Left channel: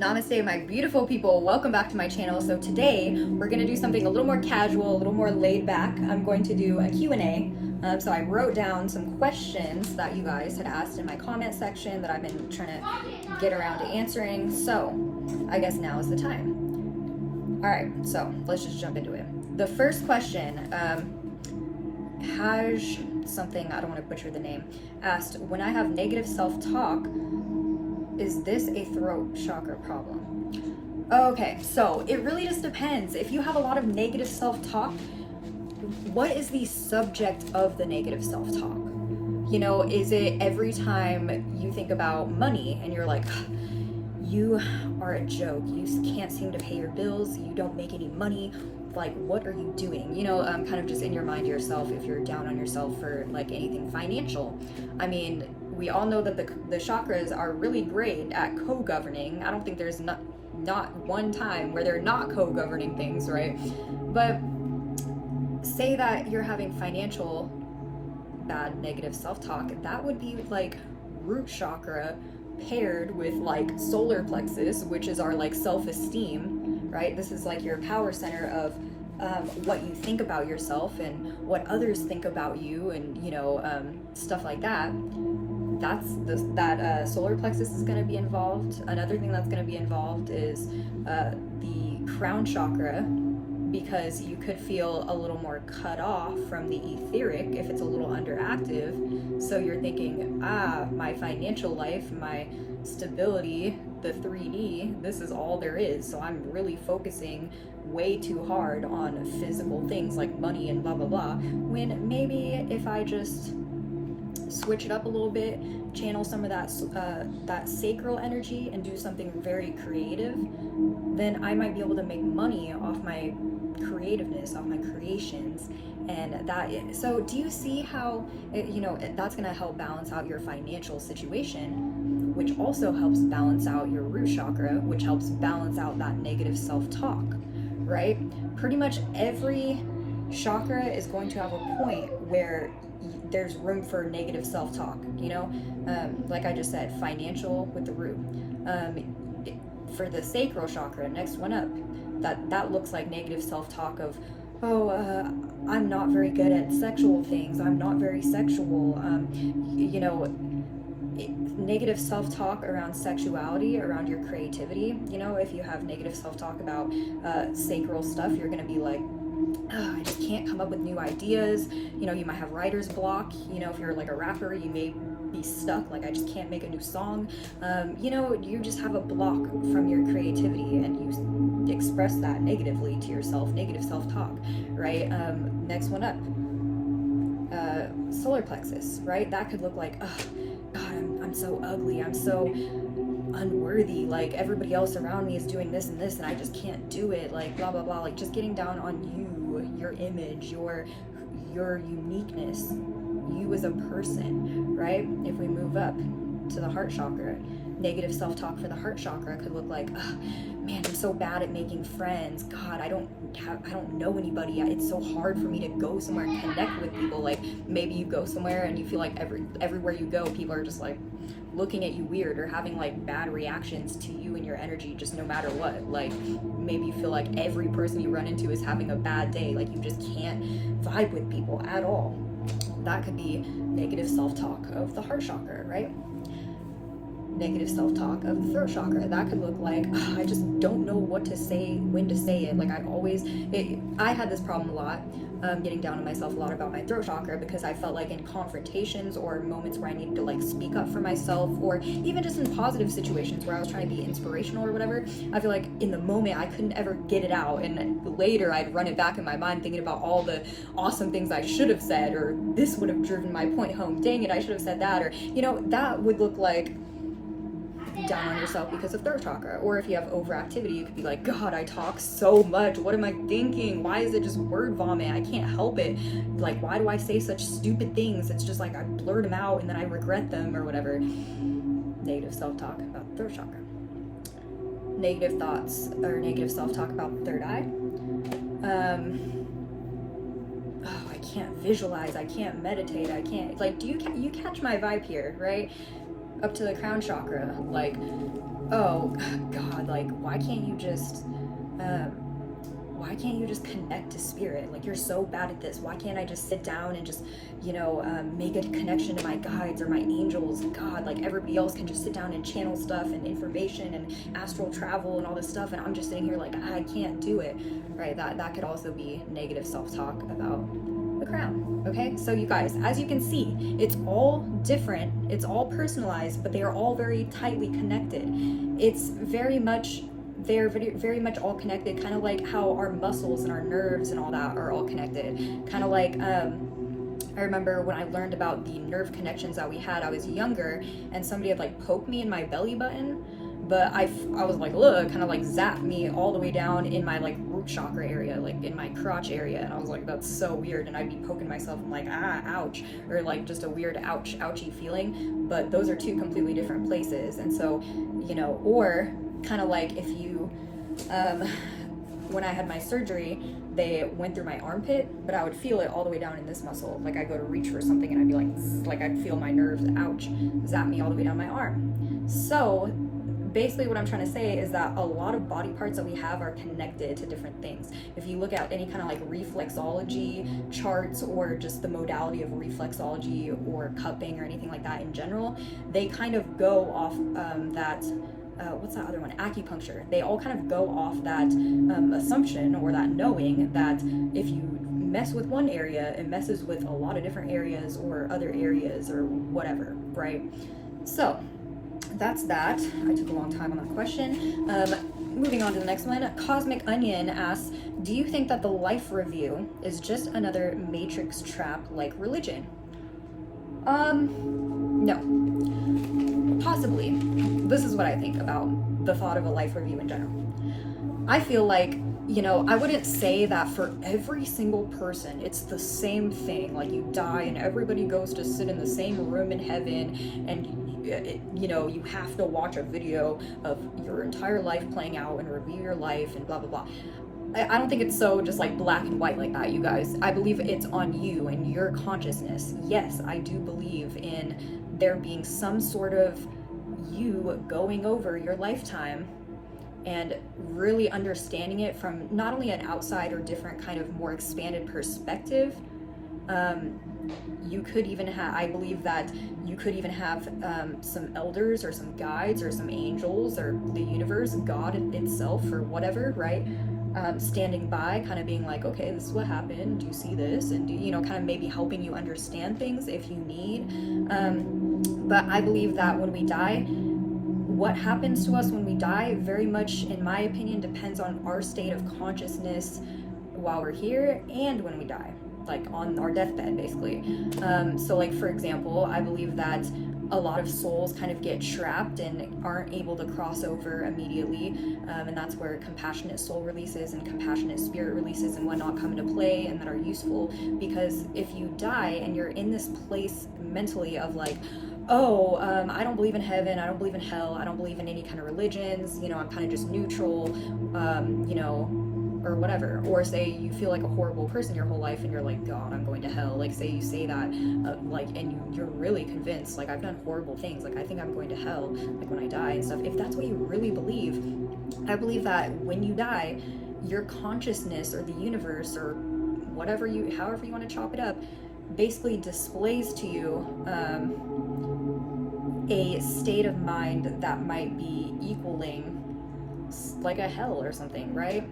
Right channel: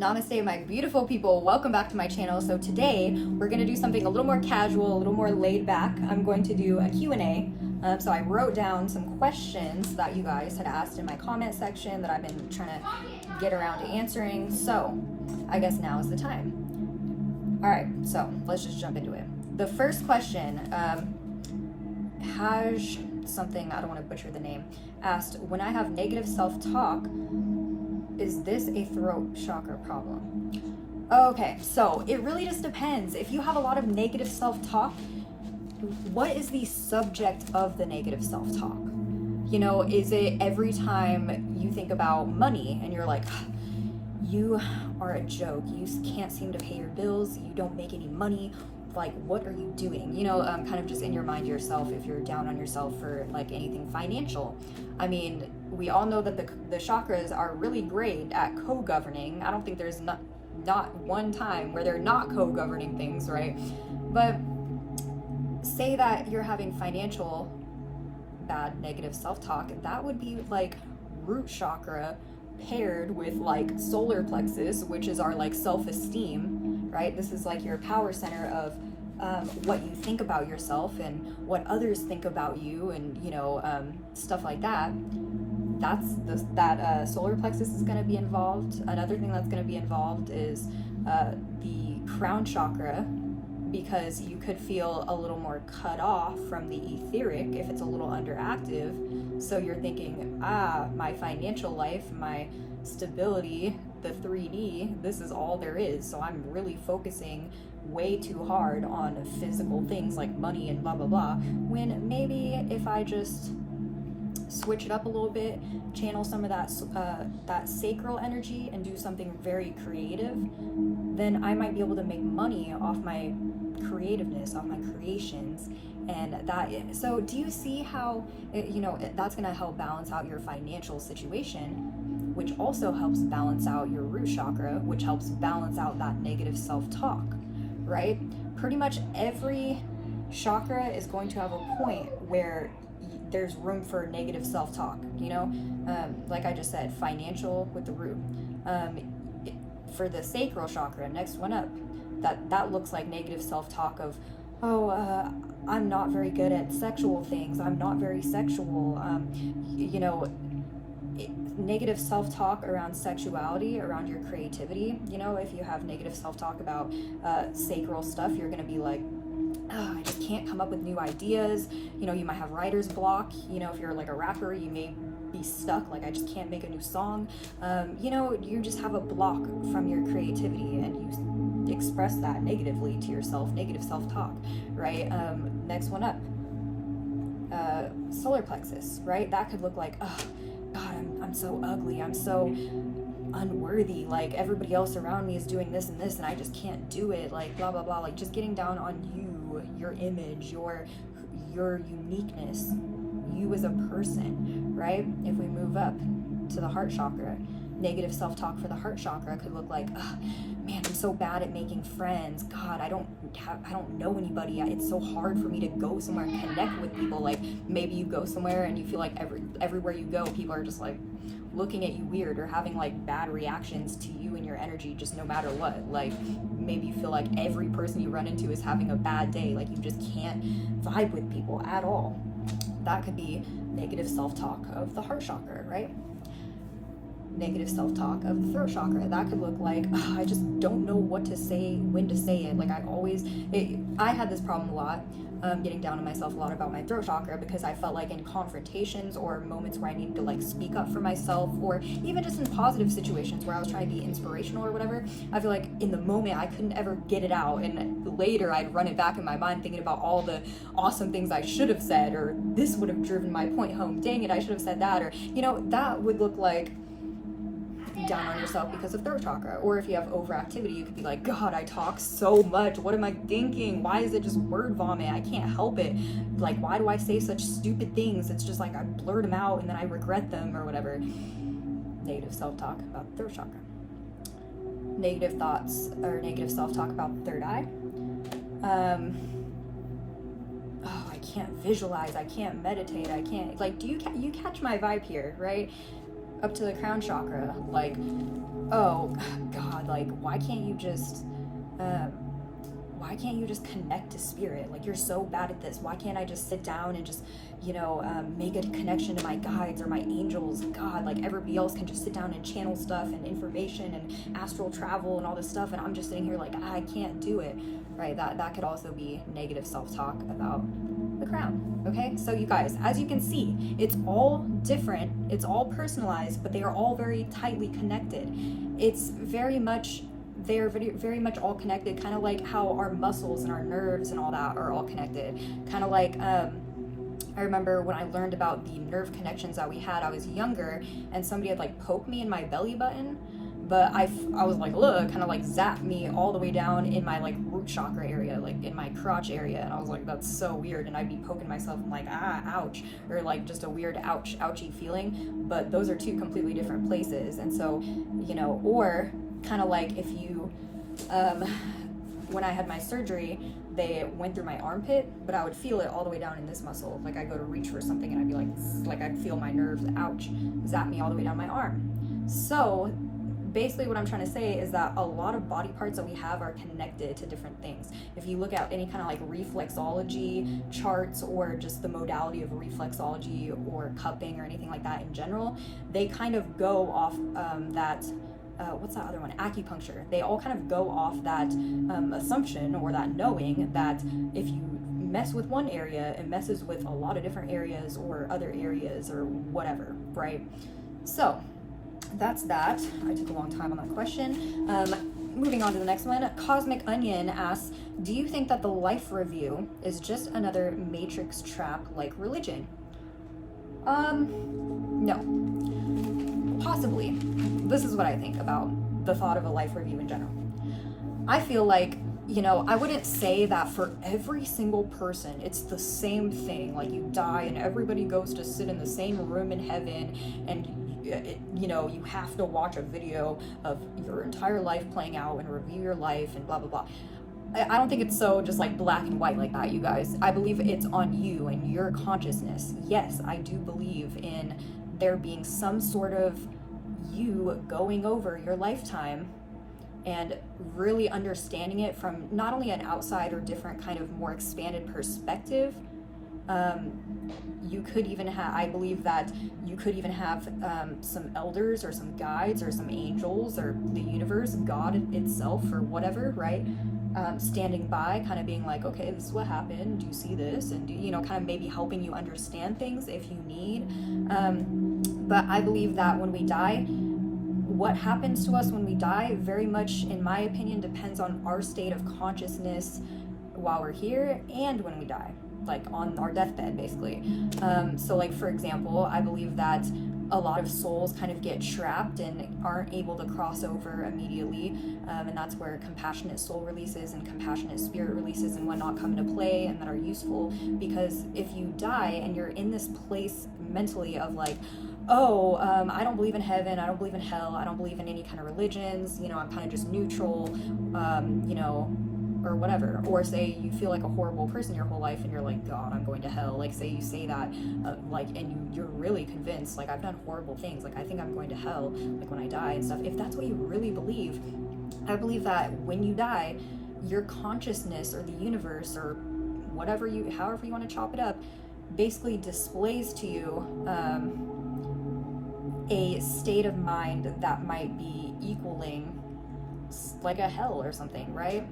Namaste, my beautiful people. Welcome back to my channel. So today we're going to do something a little more casual, a little more laid back. I'm going to do a Q&A. So I wrote down some questions that you guys had asked in my comment section that I've been trying to get around to answering. So I guess now is the time. All right, so let's just jump into it. The first question, Haj something, I don't want to butcher the name, asked, when I have negative self-talk, is this a throat chakra problem? Okay, so it really just depends. If you have a lot of negative self-talk, what is the subject of the negative self-talk? You know, is it every time you think about money and you're like, you are a joke, you can't seem to pay your bills, you don't make any money, like what are you doing? You know, kind of just in your mind to yourself if you're down on yourself for like anything financial. I mean, we all know that the chakras are really great at co-governing. I don't think there's not one time where they're not co-governing things, right? But say that you're having financial bad negative self-talk, that would be like root chakra paired with like solar plexus, which is our like self-esteem, right? This is like your power center of what you think about yourself and what others think about you, and you know, stuff like that. That solar plexus is going to be involved. Another thing that's going to be involved is the crown chakra, because you could feel a little more cut off from the etheric if it's a little underactive. So you're thinking, my financial life, my stability, the 3D, this is all there is. So I'm really focusing way too hard on physical things like money and blah, blah, blah. When maybe if I just switch it up a little bit, channel some of that sacral energy and do something very creative, then I might be able to make money off my creativeness, off my creations. And so do you see how that's going to help balance out your financial situation, which also helps balance out your root chakra, which helps balance out that negative self-talk, right? Pretty much every chakra is going to have a point where there's room for negative self-talk, you know? Like I just said, financial with the root. For the sacral chakra, next one up, that looks like negative self-talk of, I'm not very good at sexual things, I'm not very sexual, negative self-talk around sexuality, around your creativity. You know, if you have negative self-talk about sacral stuff, you're gonna be like, I just can't come up with new ideas. You know, you might have writer's block. You know, if you're like a rapper, you may be stuck, like I just can't make a new song. You just have a block from your creativity, and you express that negatively to yourself, negative self-talk, right? Next one up, solar plexus, right? That could look like, oh God, I'm so ugly, I'm so unworthy, like everybody else around me is doing this and this and I just can't do it, like blah blah blah, like just getting down on you, your image, your uniqueness, you as a person, right? If we move up to the heart chakra, negative self-talk for the heart chakra could look like, man, I'm so bad at making friends. God, I don't know anybody. It's so hard for me to go somewhere and connect with people. Like maybe you go somewhere and you feel like everywhere you go, people are just like looking at you weird or having like bad reactions to you and your energy, just no matter what. Like maybe you feel like every person you run into is having a bad day, like you just can't vibe with people at all. That could be negative self-talk of the heart chakra, right? Negative self-talk of the throat chakra, that could look like, I just don't know what to say, when to say it. Like I had this problem a lot, getting down on myself a lot about my throat chakra, because I felt like in confrontations or moments where I needed to like speak up for myself, or even just in positive situations where I was trying to be inspirational or whatever, I feel like in the moment I couldn't ever get it out, and later I'd run it back in my mind thinking about all the awesome things I should have said, or this would have driven my point home, dang it, I should have said that, or that would look like down on yourself because of throat chakra. Or if you have overactivity, you could be like, God, I talk so much, what am I thinking? Why is it just word vomit? I can't help it. Like, why do I say such stupid things? It's just like I blurt them out and then I regret them or whatever. Negative self-talk about the throat chakra. Negative thoughts or negative self-talk about the third eye. I can't visualize, I can't meditate, I can't, like, you catch my vibe here, right? up to the crown chakra. Like, oh God, like, why can't you just connect to spirit? Like, you're so bad at this. Why can't I just sit down and just, make a connection to my guides or my angels? God, like, everybody else can just sit down and channel stuff and information and astral travel and all this stuff, and I'm just sitting here like, I can't do it, right? That could also be negative self-talk about the crown. Okay, so you guys, as you can see, it's all different, it's all personalized, but they are all very tightly connected. It's very much, they're very much all connected, kind of like how our muscles and our nerves and all that are all connected. Kind of like, I remember when I learned about the nerve connections that we had, I was younger, and somebody had like poked me in my belly button, but I was like, look, kind of like zapped me all the way down in my like root chakra area, like in my crotch area, and I was like, that's so weird. And I'd be poking myself, I'm like, ouch, or like just a weird ouchy feeling. But those are two completely different places. And so, or kind of like if you, when I had my surgery, they went through my armpit, but I would feel it all the way down in this muscle. Like I go to reach for something and I'd be like I'd feel my nerves, ouch, zap me all the way down my arm. So basically what I'm trying to say is that a lot of body parts that we have are connected to different things. If you look at any kind of like reflexology charts, or just the modality of reflexology or cupping or anything like that in general, they kind of go off that what's that other one? Acupuncture. They all kind of go off that assumption, or that knowing that if you mess with one area, it messes with a lot of different areas or other areas or whatever, right? So that's that. I took a long time on that question. Moving on to the next one. Cosmic Onion asks, do you think that the life review is just another matrix trap like religion? No. Possibly. This is what I think about the thought of a life review in general. I feel like, I wouldn't say that for every single person it's the same thing. Like, you die and everybody goes to sit in the same room in heaven, and you have to watch a video of your entire life playing out and review your life and blah blah blah. I don't think it's so just like black and white like that, you guys. I believe it's on you and your consciousness. Yes, I do believe in there being some sort of you going over your lifetime and really understanding it from not only an outside or different kind of more expanded perspective. You could even have, I believe that you could even have some elders or some guides or some angels or the universe, God itself or whatever, right? Standing by, kind of being like, okay, this is what happened, do you see this? And kind of maybe helping you understand things if you need. But I believe that when we die, what happens to us when we die very much, in my opinion, depends on our state of consciousness while we're here and when we die, like on our deathbed, basically. So like, for example, I believe that a lot of souls kind of get trapped and aren't able to cross over immediately, and that's where compassionate soul releases and compassionate spirit releases and whatnot come into play, and that are useful. Because if you die and you're in this place mentally of like, I don't believe in heaven, I don't believe in hell, I don't believe in any kind of religions, I'm kind of just neutral, or whatever. Or say you feel like a horrible person your whole life and you're like, God, I'm going to hell. Like, say you say that, and you're really convinced, like, I've done horrible things, like, I think I'm going to hell, like, when I die and stuff. If that's what you really believe, I believe that when you die, your consciousness or the universe or whatever however you want to chop it up, basically displays to you a state of mind that might be equaling like a hell or something, right?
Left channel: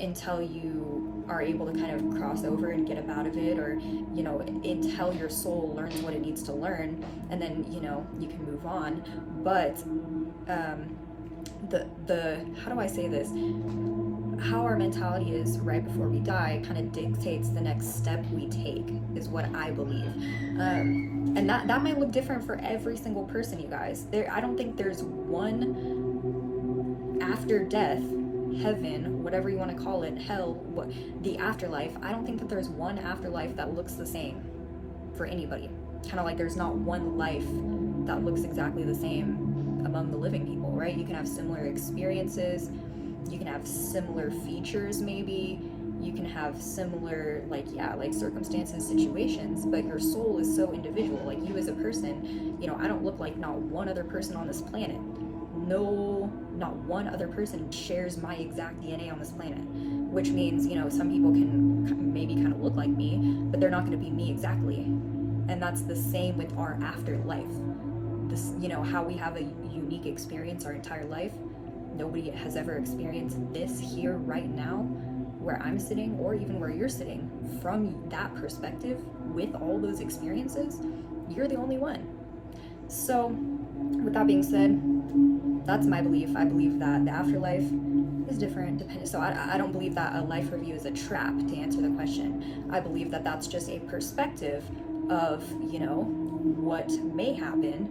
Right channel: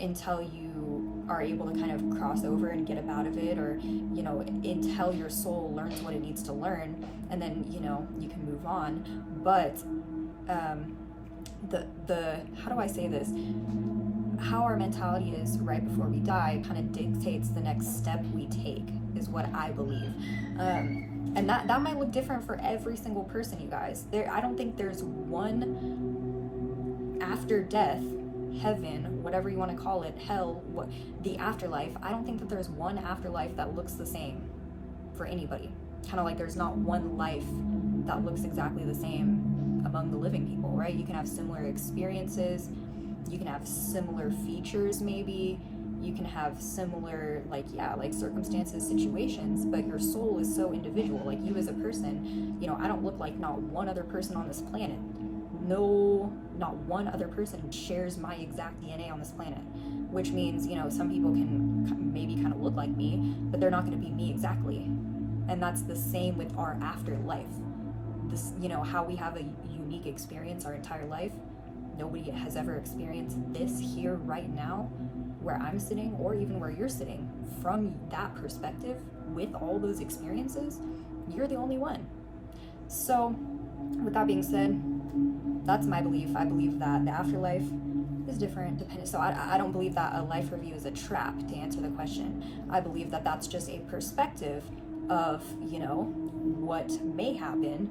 Until you are able to kind of cross over and get up out of it, or until your soul learns what it needs to learn, and then you can move on. But the how do I say this, how our mentality is right before we die kind of dictates the next step we take, is what I believe. And that might look different for every single person, you guys. I don't think there's one after death, heaven, whatever you want to call it, hell, the afterlife. I don't think that there's one afterlife that looks the same for anybody. Kind of like there's not one life that looks exactly the same among the living people, right? You can have similar experiences, you can have similar features maybe, you can have similar, like, yeah, like circumstances, situations, but your soul is so individual. Like, you as a person, you know, I don't look like not one other person on this planet. No, not one other person shares my exact DNA on this planet, which means, you know, some people can maybe kind of look like me, but they're not going to be me exactly. And that's the same with our afterlife. This, you know, how we have a unique experience our entire life. Nobody has ever experienced this here right now, where I'm sitting, or even where you're sitting. From that perspective, with all those experiences, you're the only one. So with that being said, that's my belief. I believe that the afterlife is different depending. So I don't believe that a life review is a trap, to answer the question. I believe that that's just a perspective of, you know, what may happen.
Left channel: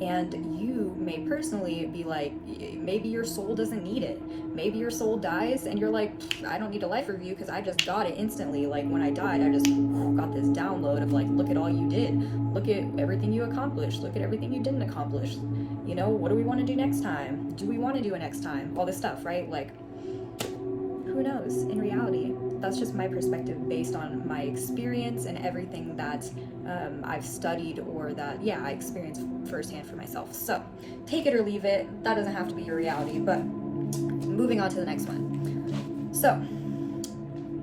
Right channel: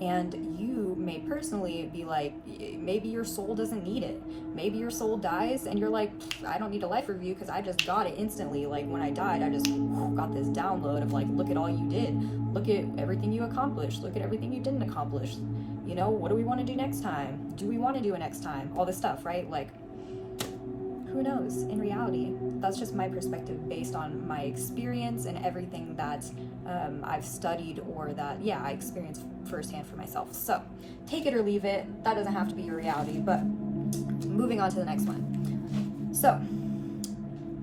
And you may personally be like, maybe your soul doesn't need it. Maybe your soul dies and you're like, I don't need a life review because I just got it instantly. Like, when I died, I just got this download of like, look at all you did. Look at everything you accomplished. Look at everything you didn't accomplish. You know, what do we want to do next time? Do we want to do it next time? All this stuff, right? Like, who knows? In reality, that's just my perspective based on my experience and everything that I've studied, or that, yeah, I experienced firsthand for myself. So take it or leave it. That doesn't have to be your reality. But moving on to the next one. So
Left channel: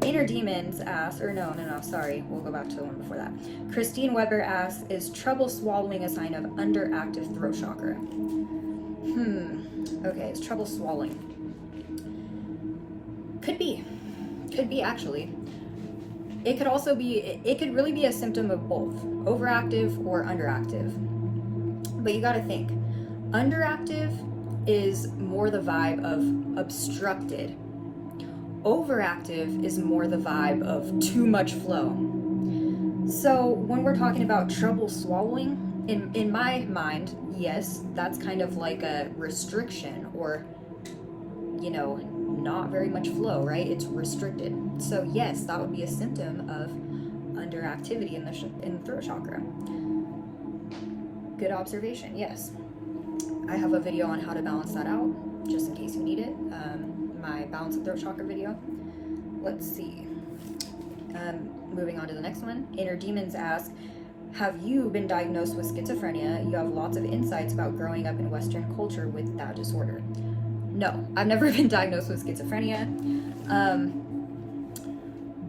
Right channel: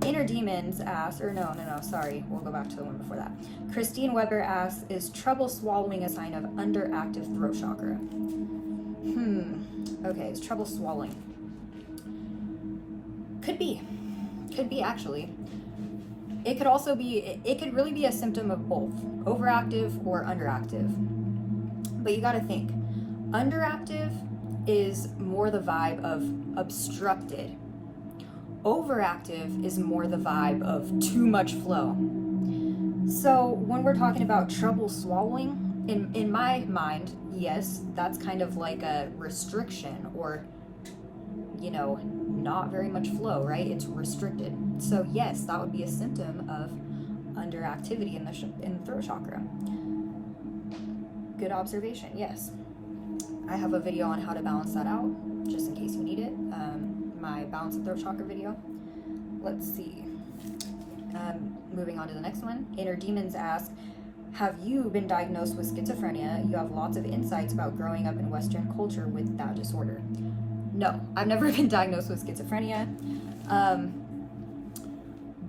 Inner Demons asks, or no, sorry, we'll go back to the one before that. Christine Weber asks, is trouble swallowing a sign of underactive throat chakra? Okay, is trouble swallowing? Could be actually. It could also be, it could really be a symptom of both, overactive or underactive. But you gotta think, underactive is more the vibe of obstructed. Overactive is more the vibe of too much flow. So when we're talking about trouble swallowing, in my mind, yes, that's kind of like a restriction, or, you know, not very much flow, right? It's restricted. So yes, that would be a symptom of underactivity in the throat chakra. Good observation. Yes, I have a video on how to balance that out, just in case you need it. My balance of throat chakra video. Let's see. Moving on to the next one. Inner Demons ask, have you been diagnosed with schizophrenia? You have lots of insights about growing up in Western culture with that disorder. No, I've never been diagnosed with schizophrenia.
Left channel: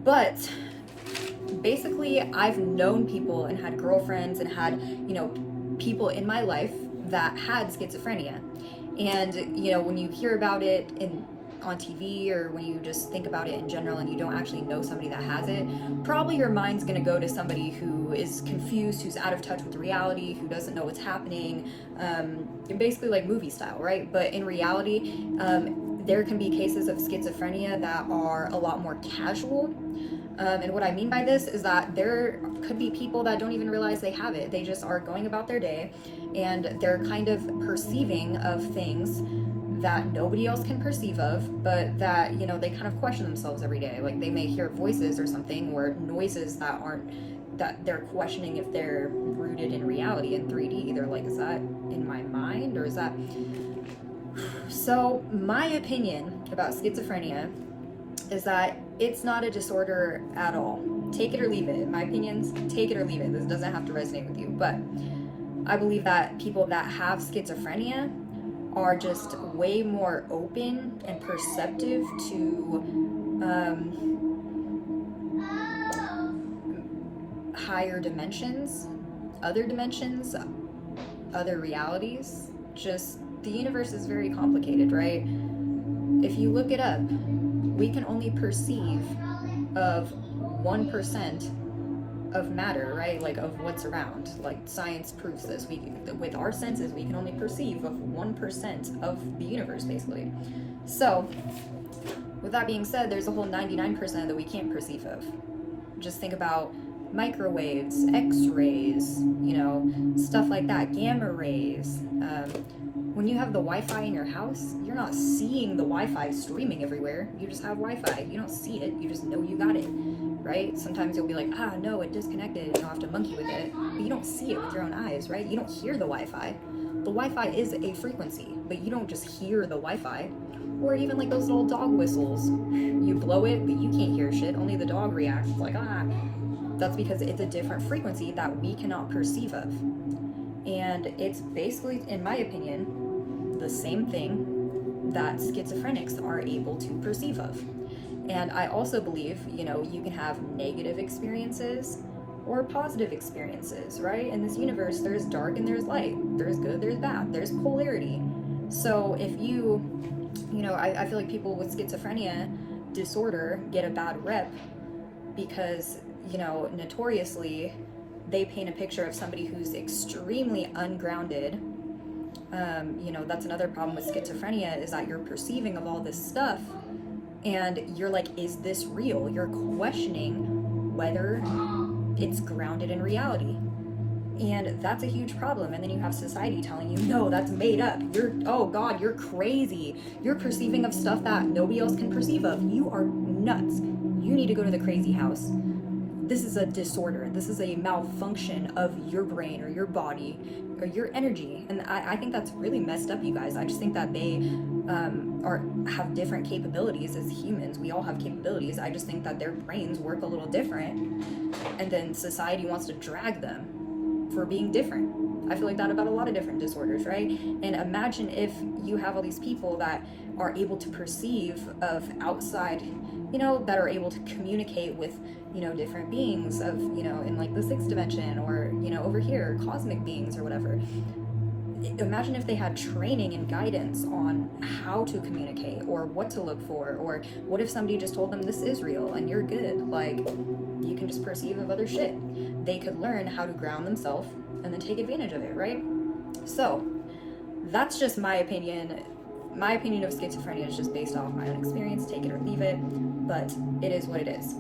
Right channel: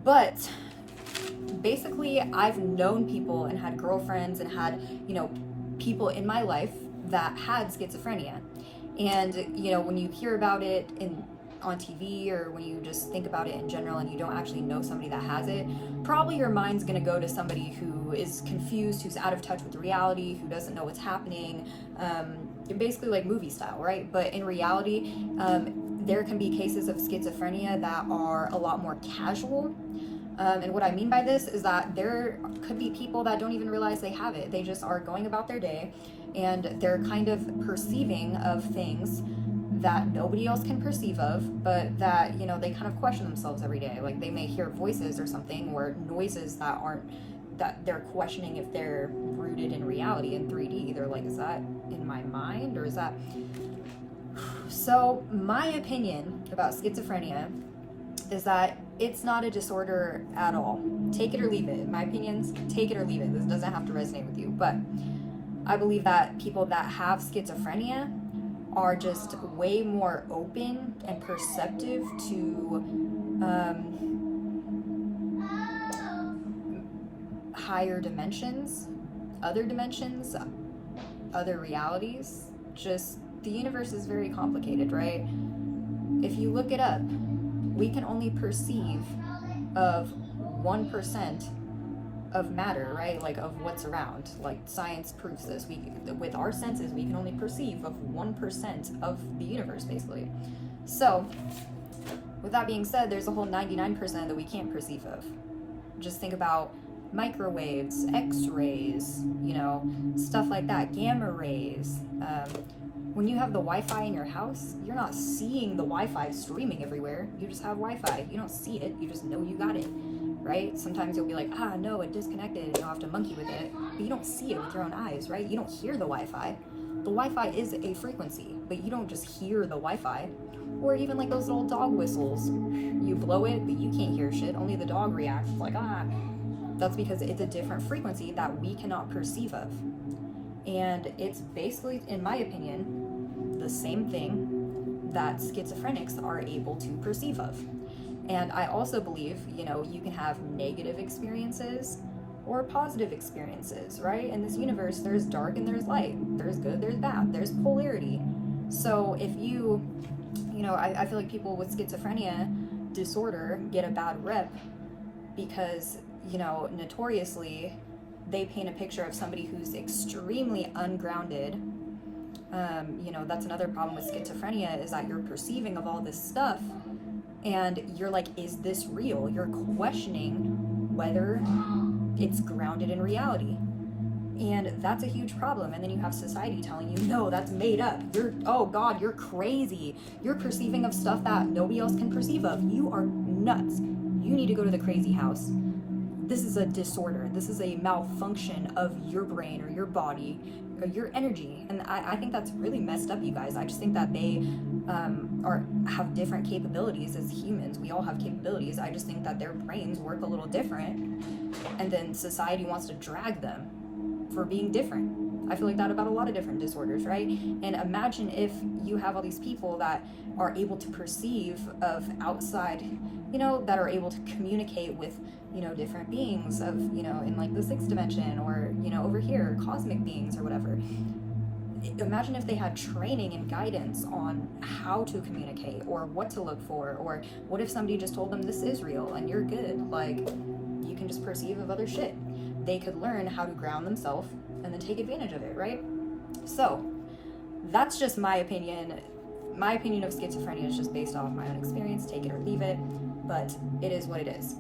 But basically, I've known people and had girlfriends and had, you know, people in my life that had schizophrenia. And, you know, when you hear about it on TV, or when you just think about it in general and you don't actually know somebody that has it, probably your mind's going to go to somebody who is confused, who's out of touch with reality, who doesn't know what's happening, basically like movie style, right? But in reality, there can be cases of schizophrenia that are a lot more casual. And what I mean by this is that there could be people that don't even realize they have it. They just are going about their day and they're kind of perceiving of things that nobody else can perceive of, but that, you know, they kind of question themselves every day. Like, they may hear voices or something, or noises that aren't, that they're questioning if they're rooted in reality, in 3D. They're like, is that in my mind, or is that... So my opinion about schizophrenia is that it's not a disorder at all. Take it or leave it. In my opinions, take it or leave it. This doesn't have to resonate with you, but I believe that people that have schizophrenia are just way more open and perceptive to higher dimensions, other realities. Just, the universe is very complicated, right? If you look it up, we can only perceive of 1% of matter, right? Like, of what's around. Like, science proves this. With our senses, we can only perceive of 1% of the universe, basically. So, with that being said, there's a whole 99% that we can't perceive of. Just think about microwaves, X-rays, you know, stuff like that, gamma rays. When you have the Wi-Fi in your house, you're not seeing the Wi-Fi streaming everywhere. You just have Wi-Fi. You don't see it. You just know you got it, right? Sometimes you'll be like, no, it disconnected, and you'll have to monkey with it. But you don't see it with your own eyes, right? You don't hear the Wi-Fi. The Wi-Fi is a frequency, but you don't just hear the Wi-Fi. Or even like those little dog whistles. You blow it, but you can't hear shit. Only the dog reacts. It's like, ah. That's because it's a different frequency that we cannot perceive of. And it's basically, in my opinion, the same thing that schizophrenics are able to perceive of. And I also believe, you know, you can have negative experiences or positive experiences, right? In this universe, there's dark and there's light. There's good, there's bad, there's polarity. So if you know, I feel like people with schizophrenia disorder get a bad rep because, you know, notoriously, they paint a picture of somebody who's extremely ungrounded. You know, that's another problem with schizophrenia, is that you're perceiving of all this stuff and you're like, is this real? You're questioning whether it's grounded in reality. And that's a huge problem. And then you have society telling you, no, that's made up. Oh God, you're crazy. You're perceiving of stuff that nobody else can perceive of. You are nuts. You need to go to the crazy house. This is a disorder. This is a malfunction of your brain or your body or your energy. And I think that's really messed up, you guys. I just think that they have different capabilities as humans. We all have capabilities. I just think that their brains work a little different. And then society wants to drag them for being different. I feel like that about a lot of different disorders, right? And imagine if you have all these people that are able to perceive of outside, you know, that are able to communicate with, you know, different beings of, you know, in like the sixth dimension, or, you know, over here, cosmic beings or whatever. Imagine if they had training and guidance on how to communicate or what to look for, or what if somebody just told them this is real and you're good, like you can just perceive of other shit. They could learn how to ground themselves and then take advantage of it, right? So that's just my opinion. My opinion of schizophrenia is just based off my own experience. Take it or leave it, but it is what it is.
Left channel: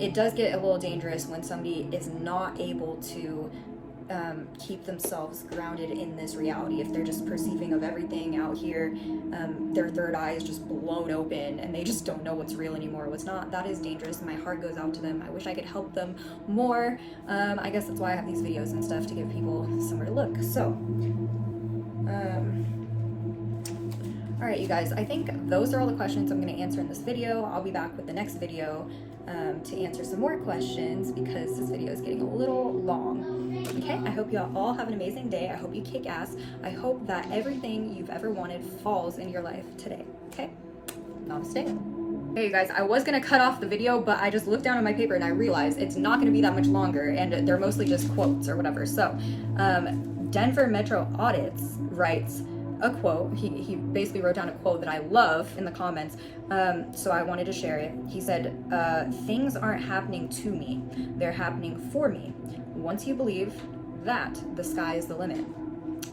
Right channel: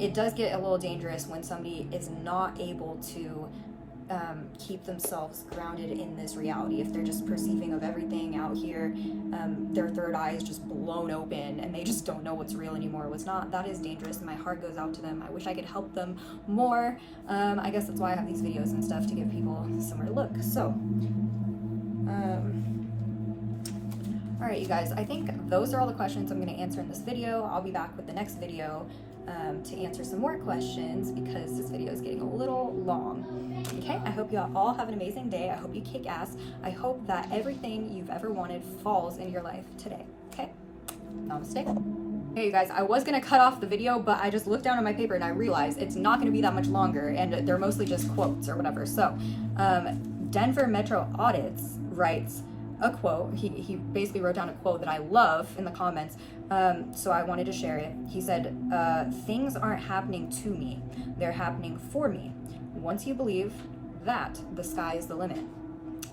It does get a little dangerous when somebody is not able to keep themselves grounded in this reality. If they're just perceiving of everything out here, their third eye is just blown open and they just don't know what's real anymore, what's not. That is dangerous, and my heart goes out to them. I wish I could help them more. I guess that's why I have these videos and stuff, to give people somewhere to look. So all right, you guys, I think those are all the questions I'm going to answer in this video. I'll be back with the next video to answer some more questions, because this video is getting a little long. Okay, I hope you all have an amazing day. I hope you kick ass. I hope that everything you've ever wanted falls in your life today. Okay, namaste. Hey you guys, I was gonna cut off the video, but I just looked down at my paper and I realized it's not gonna be that much longer, and they're mostly just quotes or whatever. So Denver Metro Audits writes a quote. He basically wrote down a quote that I love in the comments, so I wanted to share it. He said, things aren't happening to me, they're happening for me. Once you believe that, the sky is the limit.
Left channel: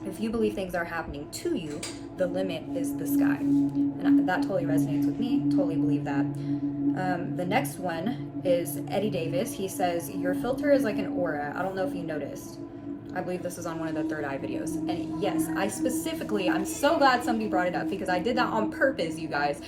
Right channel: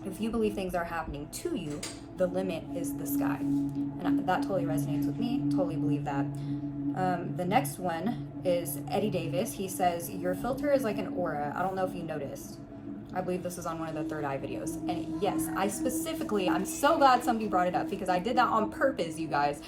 If you believe things are happening to you, the limit is the sky. And that totally resonates with me. Totally believe that. The next one is Eddie Davis. He says, your filter is like an aura. I don't know if you noticed. I believe this is on one of the third eye videos. And yes, I'm so glad somebody brought it up, because I did that on purpose, you guys.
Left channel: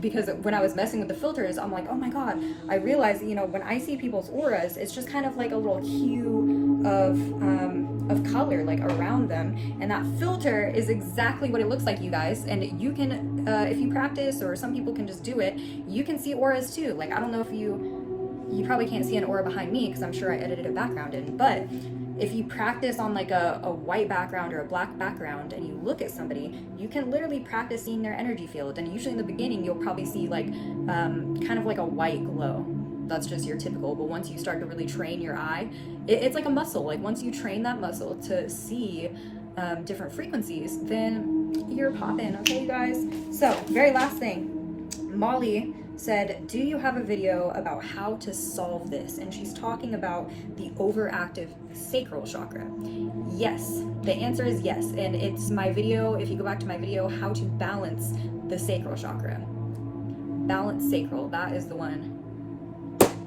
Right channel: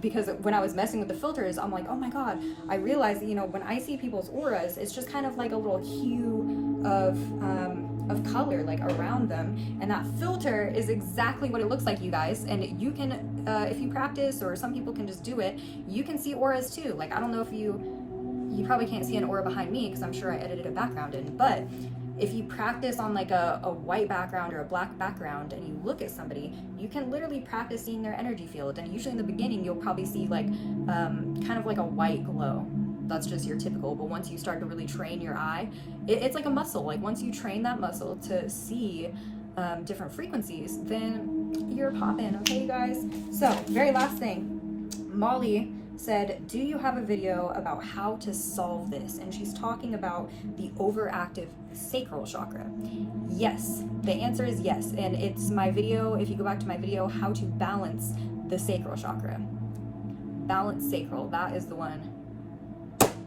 Because when I was messing with the filters, I'm like, oh my God, I realized, you know, when I see people's auras, it's just kind of like a little hue of color, like around them. And that filter is exactly what it looks like, you guys. And you can, if you practice, or some people can just do it, you can see auras too. Like, I don't know if you probably can't see an aura behind me, because I'm sure I edited a background in, but if you practice on like a white background or a black background and you look at somebody, you can literally practice seeing their energy field. And usually in the beginning, you'll probably see like kind of like a white glow. That's just your typical. But once you start to really train your eye, it's like a muscle. Like once you train that muscle to see different frequencies, then you're popping. Okay, you guys? So very last thing, Molly said, do you have a video about how to solve this? And she's talking about the overactive sacral chakra. Yes, the answer is yes. And it's my video, if you go back to my video, how to balance the sacral chakra. Balance sacral, that is the one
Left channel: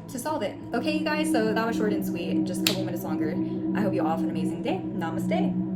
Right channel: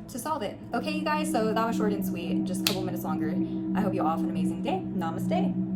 to solve it. Okay, you guys, so that was short and sweet, just a couple minutes longer. I hope you all have an amazing day. Namaste.